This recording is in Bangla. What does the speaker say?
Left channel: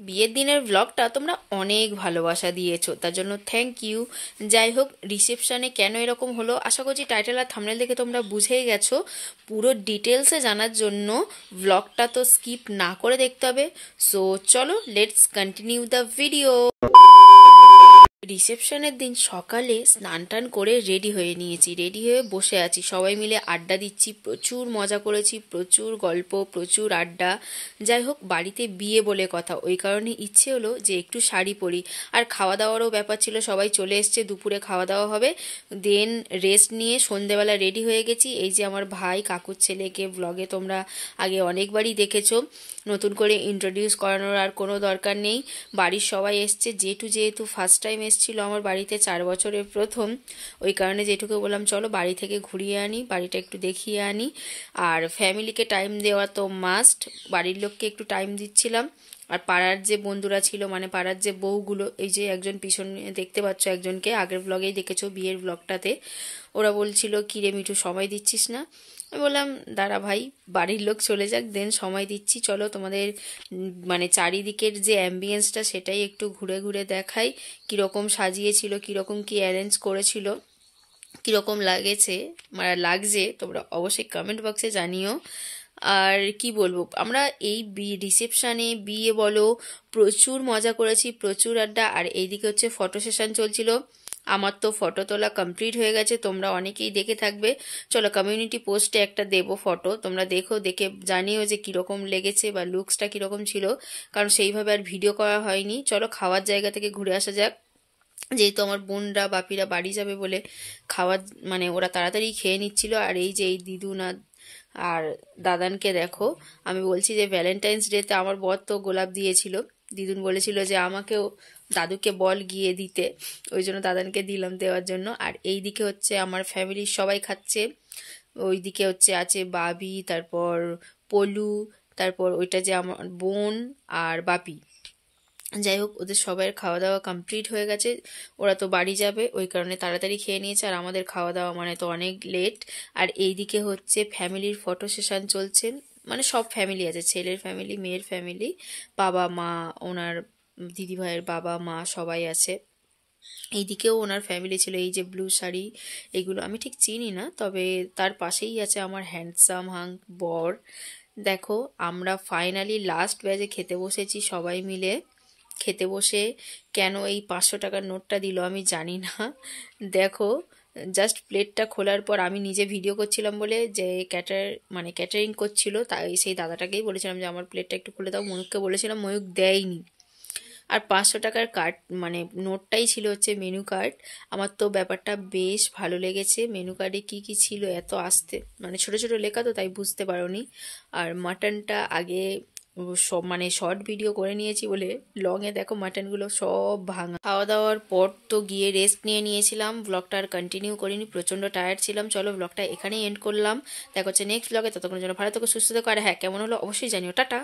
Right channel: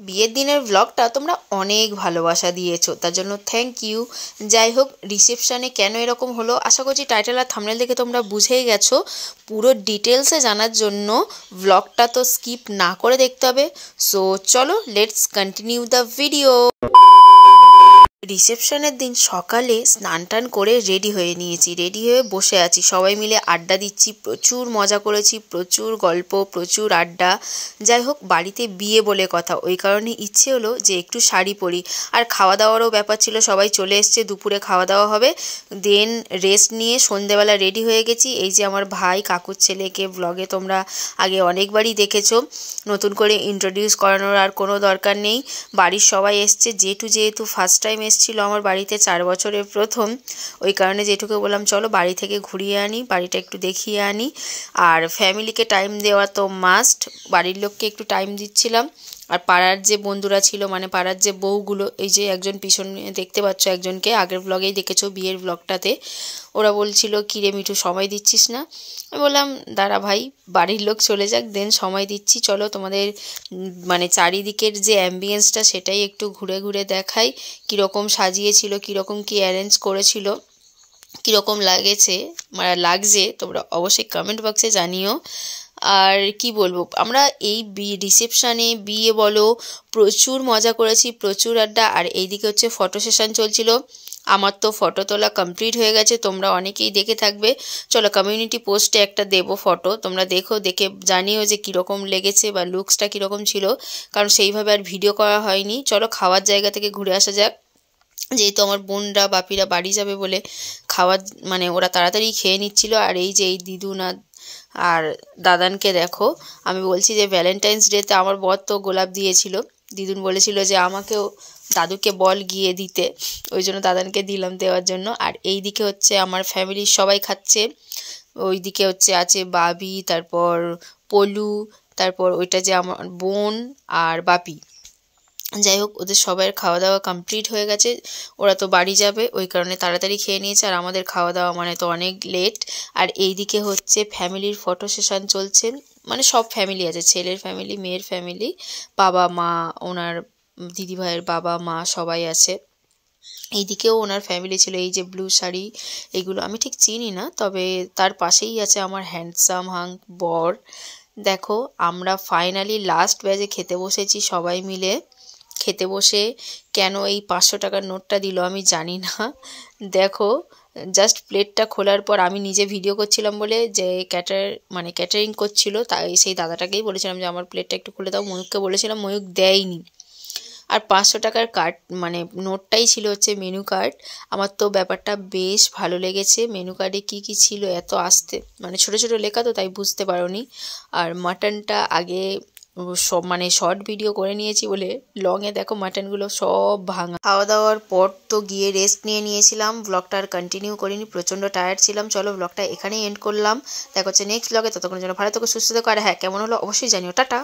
বিয়ের দিনের ব্লগটা তোমরা অনেক ভালোবাসা দিয়েছো, তার জন্য থ্যাংক ইউ। যাই হোক, রিসেপশনে কেন এরকম হলো আশা করছি টাইটেল আর থাম্বনেল দেখে তোমরা বুঝেই গেছো। পুরো ডিটেলসে জানার জন্য ব্লগটা তো স্কিপ না করে দেখতে হবে। সো চলো, লেটস কন্টিনিউ দ্য ভিডিও। রিসেপশনের দিন সকালে স্নান টান করে রেডি হয়ে নিয়েছি, রেডি হয়ে বসে আছি, সবাই মিলে আড্ডা দিচ্ছি, প্রচুর মজা করেছি, প্রচুর গল্প, প্রচুর আড্ডা। যাই হোক, বাড়িতে বিয়ে বলে কথা, ওই কারণে ইচ্ছে হলো যে একটু শাড়ি পরি। আর খাওয়া দাওয়ারও ব্যাপার ছিল, সবাই চলে এসছে, দুপুরে খাওয়া দাওয়া হবে, দেন রেস্ট নিয়ে সন্ধেবেলা রেডি হয়ে গেছি। এই যে আমার ভাই কাকুর ছেলেকে ব্লগে তোমরা আগে অনেকবারই দেখেছো, নতুন করে ইন্ট্রোডিউস করানোর আর কোনো দরকার নেই। বাড়ির সবাই এসছে, যেহেতু ফার্স্ট টাইম এসেছিল আমার বাড়িতে, 4 বছরের প্রথম, ওই কারণে জেঠুকে বললাম চলো বাড়ি থেকে ঘুরিয়ে আনি, বাড়িটা একটু দেখিয়ে আনি। আর ফ্যামিলিকে টাইম দেওয়া তো মাস্ট, বাড়ির লোককে একটু টাইম দিচ্ছিলাম। আর পাড়ার যে বন্ধুরা ছিল, মানে পাড়ার যে বউগুলো, এই যে একজন পিছনে দেখতে পাচ্ছ একজনকে, আগের ব্লগেই দেখেছো বিয়ের ব্লগটাতে, ওরা বলছিল কিরে মিঠু সময় দিচ্ছিস না। আমি বললাম দাঁড়া ভাই, বাড়ির লোক চলে যাক, দেন সময় দিচ্ছি, চলো তোমাদের মানে চারিদিকের যে অ্যাম্বিয়েন্সটা সেটাই একটু ঘুরে ঘুরে দেখাই, কীরকম সাজিয়েছিল, কীরকম কী অ্যারেঞ্জ করেছিল, কীরকম লাগছে তোমরা অবশ্যই কমেন্ট বক্সে জানিও। আর কি বলবো, আমরা এই রিসেপশানে বিয়ে বলো প্রচুর মজা করেছি, প্রচুর আড্ডা। আর এইদিকে হচ্ছে ফটো সেশন চলছিল, আমার তো ফটো তোলা কমপ্লিট হয়ে গেছে, তোমরা অনেকেই দেখে থাকবে। চলো কমিউনিটি পোস্টে একটা দেবো ফটো, তোমরা দেখো, দেখে জানিও যে কীরকম লেগেছে বা লুকসটা কীরকম ছিল, কারণ সেইভাবে আর ভিডিও করা হয়নি। চলো খাওয়ার জায়গা থেকে ঘুরে আসা যাক। যেহেতু আমার বোনরা বাপিরা বাড়ি যাবে বলে খাওয়ার মানে ওরা তাড়াতাড়ি খেয়ে নিচ্ছিল। আর এই যে এই দিদুন আর দাদানকে দেখো, আমি বলছি যে ভ্যালেন্টাইন্স ডেতে আমার বর তো গোলাপ দিয়েছিল, দিদুন বলেছিল যে আমাকেও দাদুকে বল গিয়ে দিতে, ওই জন্য দাদানকে দিলাম দেওয়ার জন্য। আর এই দিকে হচ্ছে আমার ফ্যামিলির সবাই খাচ্ছে, ওই দিকে হচ্ছে আছে বাবি, তারপর পলু, তারপর ওইটা যে আমার বোন আর বাপি। যাই হোক, ওদের সবার খাওয়া দাওয়া কমপ্লিট হয়ে গেছে, ওরা তো বাড়ি যাবে, ওই কারণে তাড়াতাড়ি খেয়ে নিয়েছে। আর আমাদের খাওয়া দাওয়া মানে তো অনেক লেট। আর এই দিকে হচ্ছে ফ্যামিলির ফটো সেশন চলছে, মানে সব ফ্যামিলি আছে, ছেলের ফ্যামিলি, মেয়ের ফ্যামিলি, বাবা মা, ওনার দিদিভাইয়ের বাবা মা সবাই আছে। এইদিকেও ওনার ফ্যামিলি ছিল। এই যে ব্লু শাড়ি, এগুলো আমি ঠিক চিনি না, তবে তার পাশেই আছে আমার হ্যান্ডসাম বর। দেখো, আমরা ফাইনালি লাস্ট ব্যাচে খেতে বসেছি সবাই মিলে। খেতে বসে কেন এই 500 টাকার নোটটা দিল আমি জানি না। দেখো, জাস্ট প্লেটটা খোলার পর আমি নিজে ভিডিও করছিলাম বলে, যে ক্যাটারিং করছিল, তাই সেই দাদাটাকেই বলেছিলাম যে আমার প্লেটটা একটু খুলে দাও, ময়ূককে বলেছিলাম, ময়ূক দেয়নি। আর 500 টাকার কার্ড মানে নোটটাই ছিল হচ্ছে মেনু কার্ড। আমার তো ব্যাপারটা বেশ ভালো লেগেছে। মেনু কার্ডে কী কী ছিল এত আস্তে, মানে ছোটো ছোটো লেখা তো তাই বুঝতে পারোনি। আর মাটনটা আগে সব মানে শর্ট ভিডিও করে নিয়েছি বলে লংয়ে দেখো মাটনগুলো সব ভাঙা। খাওয়া দাওয়ার পর তো গিয়ে রেস্ট নিয়েছিলাম, ব্লগটা আর কন্টিনিউ করিনি, প্রচণ্ড টায়ার্ড ছিলাম। চলো ব্লগটা এখানেই এন্ড করলাম, দেখা হচ্ছে নেক্সট ব্লগে, ততক্ষণের জন্য ভালো থেকো, সুস্থ থেকো। আর হ্যাঁ, কেমন হলো অবশ্যই জানিও, টাটা।